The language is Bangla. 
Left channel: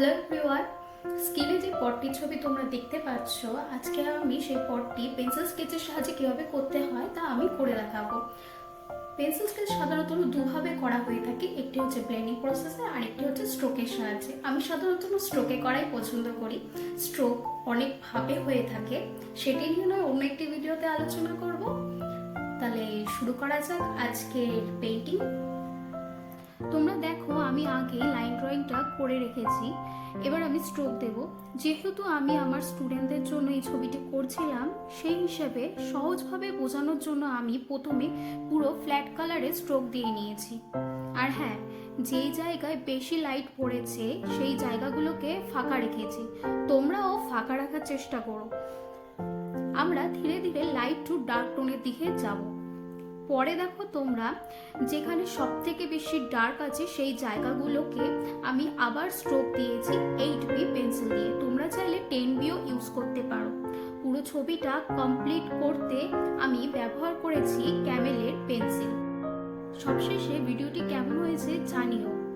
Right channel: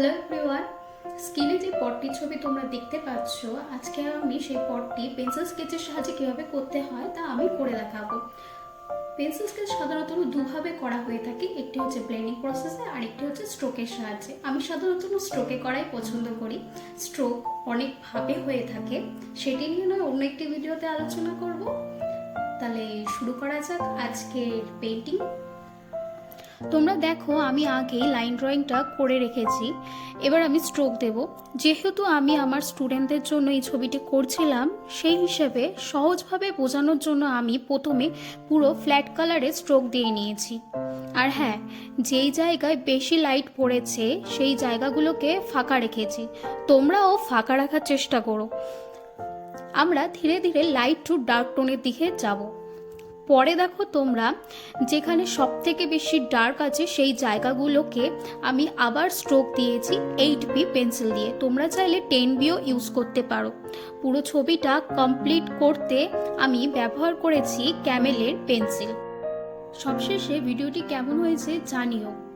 হ্যালো এভরিওয়ান, স্ক্রিনে যে পটটির ছবি তোমরা দেখতে পাচ্ছ, আজকে আমি সেই পটটি পেন্সিল স্কেচের সাহায্যে কীভাবে করতে হয় তা আমি করে দেখাবো। পেন্সিল স্কেচ সাধারণত দুভাবে করা হয়ে থাকে, একটি হচ্ছে ব্লেন্ডিং প্রসেসে আর একটি হচ্ছে স্ট্রোকের সাহায্যে। আমি সাধারণত স্ট্রোকে করাই পছন্দ করি। স্ট্রোক অনেকভাবে হয়ে থাকে, সেটি নিয়ে নয় অন্য একটি ভিডিওতে আলোচনা করব। তাহলে শুরু করা যাক আজকের পেন্টিং। তোমরা দেখো আমি আগেই লাইন ড্রয়িংটা করে রেখেছি, এবার আমি স্ট্রোক দেব। যেহেতু আমি আমার স্টুডেন্টদের জন্য এই ছবিটি করছিলাম, সেই হিসেবে সহজভাবে বোঝানোর জন্য আমি প্রথমে পুরো ফ্ল্যাট কালারে স্ট্রোক দিয়ে নিয়েছি। আর হ্যাঁ, যেই জায়গায় বেশি লাইট পড়েছে সেই জায়গাগুলোকে ফাঁকা রেখেছি, তোমরাও ফাঁকা রাখার চেষ্টা করো। আমরা ধীরে ধীরে লাইট টু ডার্ক টোনের দিকে যাব। পরে দেখো তোমরা যেখানে সব থেকে বেশি ডার্ক আছে সেই জায়গাগুলোকে আমি আবার স্ট্রোক দিয়েছি 8B পেন্সিল দিয়ে। তোমরা চাইলে 10Bও ইউজ করতে পারো। পুরো ছবিটা কমপ্লিট করতে আমি ব্যবহার করেছি ক্যামেলের পেন্সিল। সবশেষে ভিডিওটি কেমন হয়েছে জানিও।